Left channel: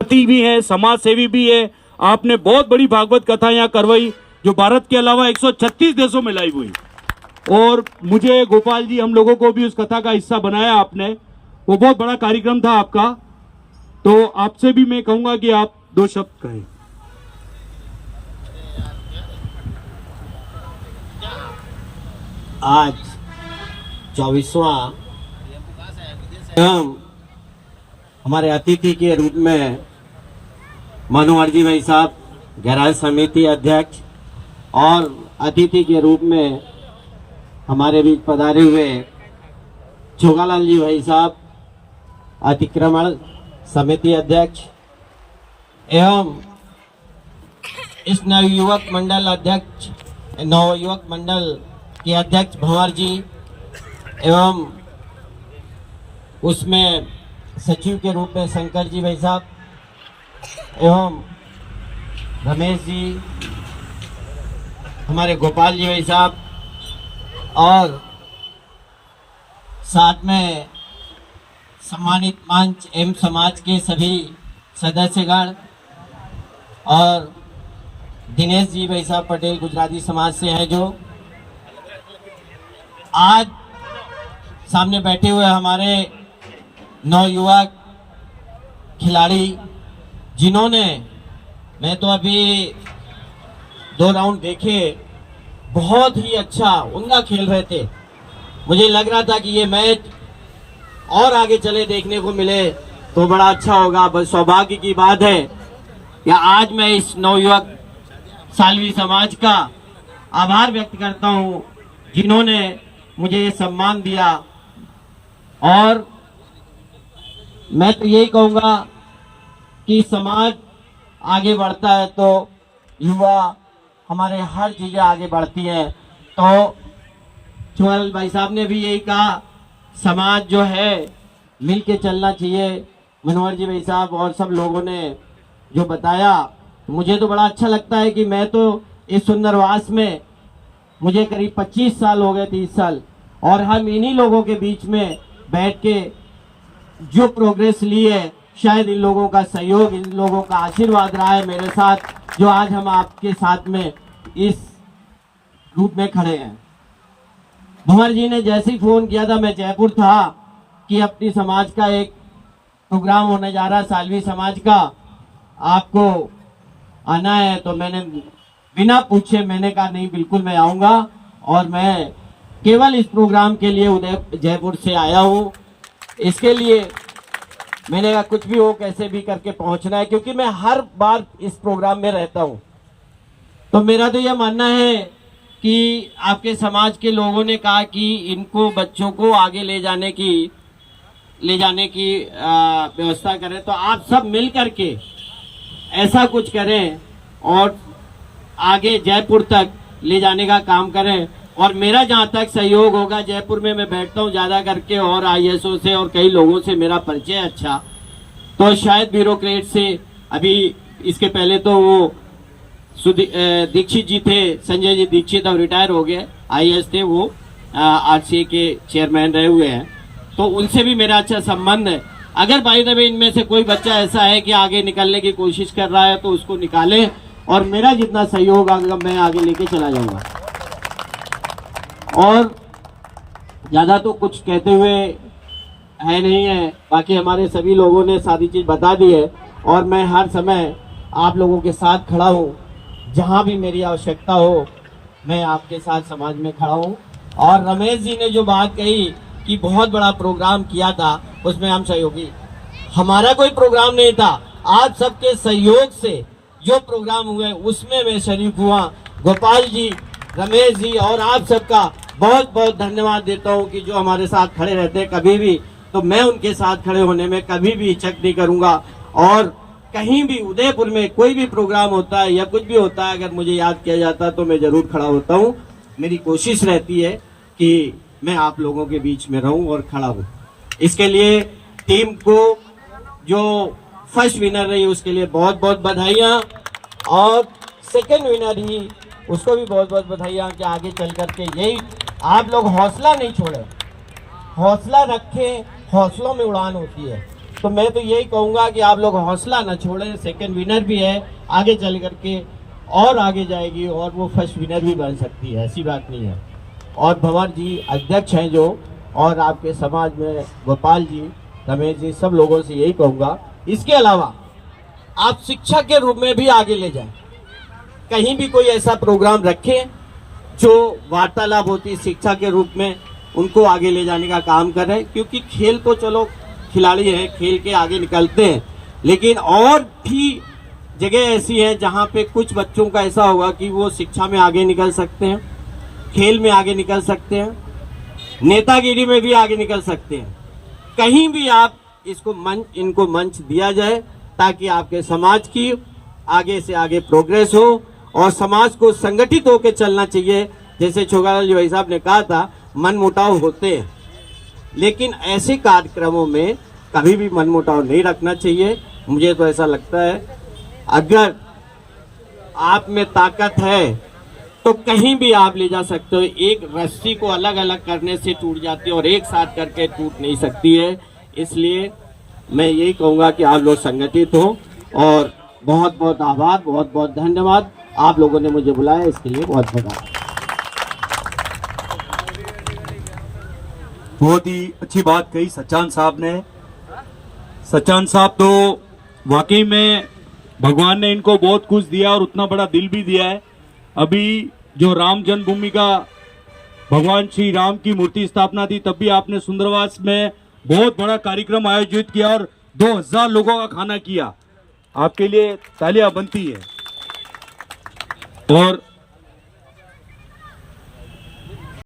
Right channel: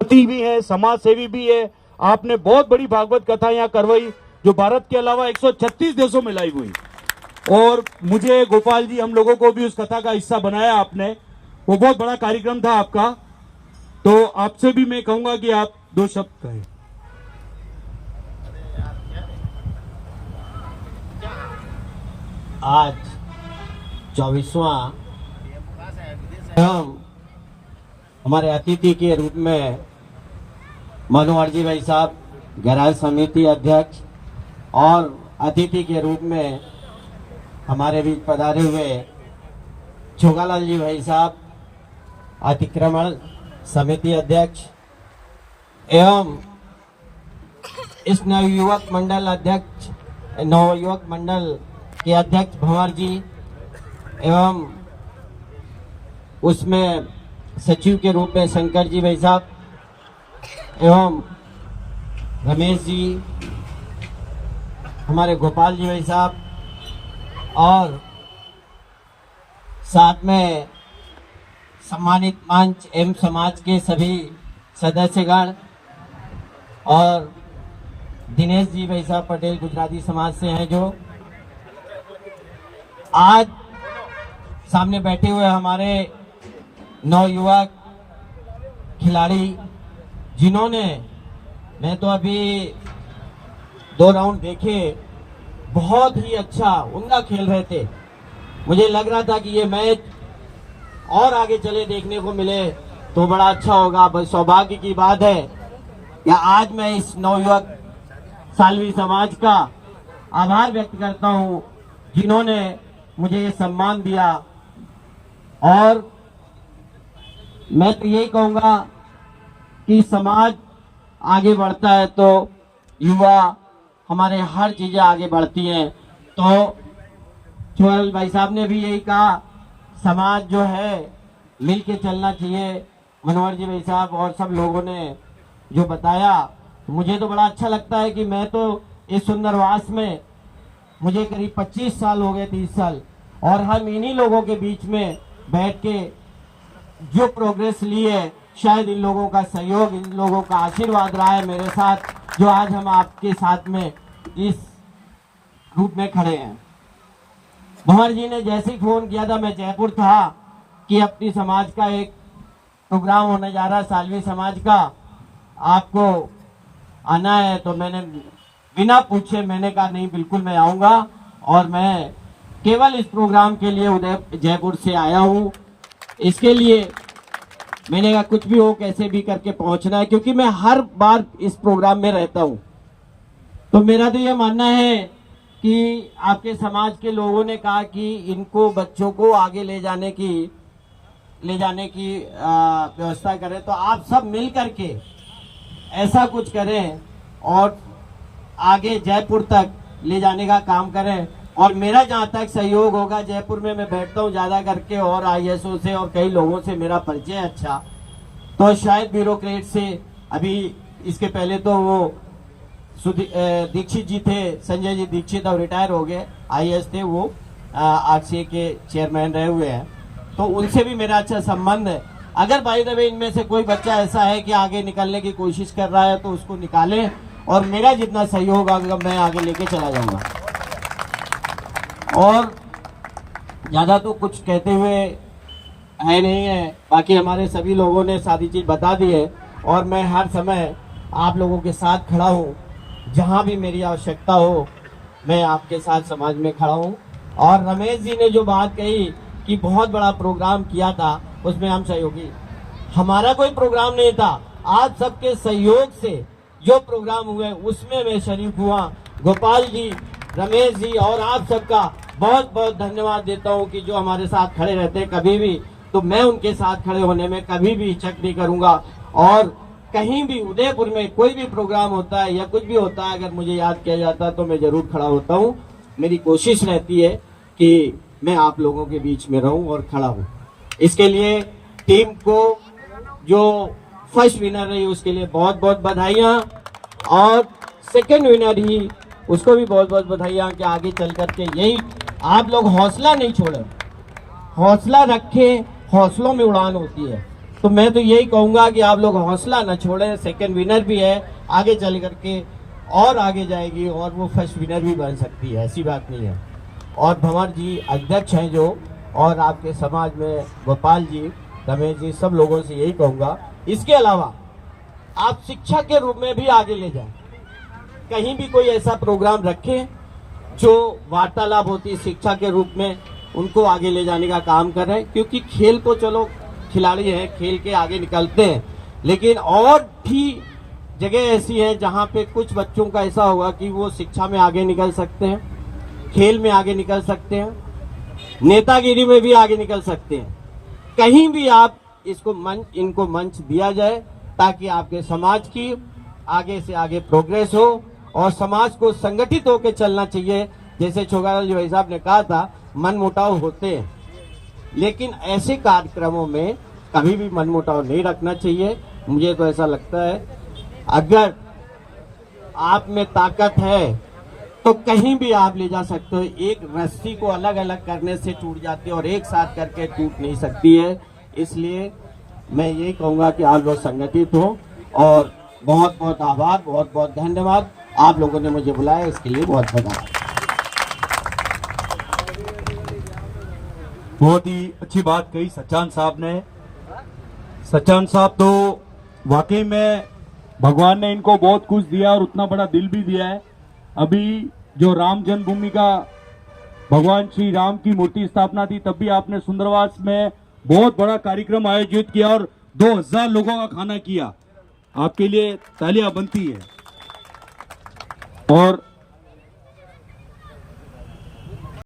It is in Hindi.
भी है, समाज सेवी भी है। आपने बहुत बड़ी भागवत कथा यहाँ करवाई जो भारत के अलावा 136 देशों में लाइव हुई। और मुझे गोपाल जी, हम लोगों को भी उस कथा का हिस्सा बनाया आपने। वो बहुत बड़ा कार्यक्रम था आपका। तो आपसे भी मैं कहूंगा कि आप 2 शब्द कहें। आज 24वां हमारे अतिथि के रूप में मनोहर जी भाई साहब, गैराज समिति अध्यक्ष, और अतिथि के रूप में हमारे बीच पधारे हुए छोगालाल जी भाई साहब, अतिक्रमण समिति अध्यक्ष, एवं इस नवयुवक मंडल अध्यक्ष, नवयुवक मंडल के अध्यक्ष भंवर जी, एवं उसमें सचिव के रूप में शंकर जी भाई साहब, एवं रमेश जी, हमारे गोपाल जी भाई साहब, और साथ में सम्मानित मंच एवं समाज के सभी सदस्यगण, और दिनेश जी भाई साहब पटेल गुजराती समाज से हैं, जो आज सामने बैठे हुए हमारे नौयुवक खिलाड़ी, जिन्होंने, मैं तो अभी 2 राउंड देखे, बहुत ही अच्छा उमदा खेल रहे थे। मुझे लग रहा था कि ये मैच और आगे चले देखने को मिले तो बड़ा अच्छा होगा। बस सौभाग्य की बात है कि आज मैं इस नवयुवक सालवी समाज का आभार व्यक्त करता हूं, जिन्होंने मुझे ये सम्मान दिया। और मैं तो यही कहूंगा कि समाज आगे बढ़ता है तो युवा, हमारे हर चीजें आगे बढ़ती हैं। तो छोगालाल भाई साहब ने भी यही कहा, समाज जो है मिल के चलना चाहिए। मनोहर जी भाई साहब और सब लोगों ने जो बताया, मुझे तो बड़ा अच्छा लगता है कि मैं तो इस सुंदरवास में, मुझे करीब 25 साल हो गए, 30 साल, और हम इन्हीं लोगों के बीच में बैठ के जो प्रोग्रेस ली है, शायद इन लोगों का सहयोग, इन लोगों का आशीर्वाद रहा है मेरे साथ, जो आज हम आपके साथ में इस रूप में खड़े हैं। भंवर जी ने जैसे ही फोन किया था, मैं जयपुर था, कि अपनी समाज का एक प्रोग्राम होने जा रहा है, सालवी समाज का, आपको आना है। तो मैंने बिना पूछे मैंने कहा नहीं, बिल्कुल मैं आऊंगा। और मैं केवल इस प्रोग्राम के लिए जयपुर से आया हूं। इसके लिए मैंने कहा कुछ भी हो, कैसे भी करके पहुंचना है, क्योंकि मैं हर बार इस प्रोग्राम में रहता हूं। तो मेरा तो यह मानना है कि आपके समाज के लोगों ने कहा कि इनको, बच्चों को आगे ले जाने की व्यवस्था करें, तो आप सब मिल करके ऐसा कुछ करें और आगे जयपुर तक ले जाने का काम करें। और मेरा जहां तक सहयोग होगा, जयपुर में मैं बैठता हूं ज्यादा करके, और आईएसओ से और कई लोगों से मेरा परिचय अच्छा, तो शायद ब्यूरोक्रेट से, अभी इसके पहले तो वो दीक्षित जी थे, संजय जी दीक्षित, अब रिटायर हो गए, आईएएस थे वो, आरसीए के चेयरमैन रहे हुए हैं, तो उनसे भी मेरा अच्छा संबंध है। अगर बाय द वे इनमें से कोई बच्चा ऐसा है कि आगे निकलने की कोशिश कर रहा है, तो उसको निकालें, और मेरा जितना सहयोग आगे मैं आगे लेके चला जाऊंगा। और ज्यादा तो कुछ कहते हुए है नहीं है, बाकी हमारे सभी लोगों ने सारी चीज बता दी है, और मैं हर समय आप लोगों के साथ खड़ा हूँ। जहां भी मेरी आवश्यकता हो, मैं आपके साथ समाज में खड़ा हूँ। और रमेश जी ने जो बात कही कि बहुत बड़ा प्रोग्राम किया था, उसमें हम सहयोगी, हमारा कोई प्रोग्राम नहीं था, आप सबके सहयोग से जो प्रोग्राम हुए उसमें मैं शरीक हुआ। गोपाल जी, रमेश जी और आप सबका बहुत बहुत धन्यवाद देता हूं कि जो हमारे साथ खड़े रहते हैं कभी भी, तो मैं उनके साथ खड़े होने में कभी भी हिचक नहीं करूंगा। और कहीं भी उदयपुर में कोई भी प्रोग्राम होता है या कुछ भी होता है, अगर मुझे याद किया जाता है तो मैं जरूर खड़ा होता हूं। मेरी कोशिश रहती है कि मैं आप लोगों के बीच में रहूं और खड़ा हूं। इसके लिए टीम को, जो फर्स्ट विनर रही उसके लिए बहुत बहुत बधाइयां, और सेकंड विनर ही उसको भी बहुत बहुत बधाइयां कि आगे चल करके यही आप लोग हौसला नहीं छोड़े, हौसला रखे, हौसलों में उड़ान होती है। तो मैं तो यही कहूंगा कि आप लोग हौसला ना छोड़ें। सेकंड विनर भी है, आगे चल करके और आगे जाएगी और वो फर्स्ट विनर भी बन सकती है, ऐसी बात नहीं है। और भंवर जी अध्यक्ष हैं जो, और आपके समाज में गोपाल जी, रमेश जी, सब लोगों से यही कहूंगा। इसके अलावा आप शिक्षा के रूप में भी आगे ले जाएं। कहीं भी कोई ऐसा प्रोग्राम रखें जो वार्तालाप होती है शिक्षा के रूप में, उनको आगे ले जाने का काम करें। क्योंकि खेल तो चलो खिलाड़ी हैं, खेल के आगे निकलते हैं, लेकिन और भी जगह ऐसी है जहां पे कुछ बच्चों का ऐसा होगा कि वो शिक्षा में आगे निकल सकते हैं, खेल में आगे निकल सकते हैं, नेतागिरी में भी आगे निकल सकते हैं। कहीं भी आप इनको मंच दिया जाए ताकि आपके समाज की आगे से आगे प्रोग्रेस हो और समाज को संगठित होकर चलना चाहिए। जैसे छोगालाल जी भाई साहब ने कहा था, मनमुटाव होते हैं, लेकिन ऐसे कार्यक्रमों में कभी भी मनमुटाव नहीं रखना चाहिए। मुझे तो ऐसा लगता है अगर आप में ताकत है तो कहीं भी आप ले जा सकते हो। एक रस्सी को अलग अलग करने से टूट जाती है और एक साथ करके टूट नहीं सकती है। इसलिए मैं यही कहूंगा कि आप लोग संगठित हो। और बहुत बहुत आभार, बहुत बहुत धन्यवाद। आप लोगों ने मुझे बुलाया, इसके लिए बहुत धन्यवाद। बहुत ही अच्छी बात कही सचान साहब ने। सचान साहब तो वाकई में भगवान ने इनको बहुत कुछ दिया और उतना बड़ा दिल भी दिया है। अभी जो राम जन्मभूमि का भगवान श्री राम की मूर्ति स्थापना थी, तब भी आपने सुंदरवास में बहुत बड़ा कार्यक्रम आयोजित किया और 2000 लोगों का खाना किया। आपके लिए तालियां बनती है। और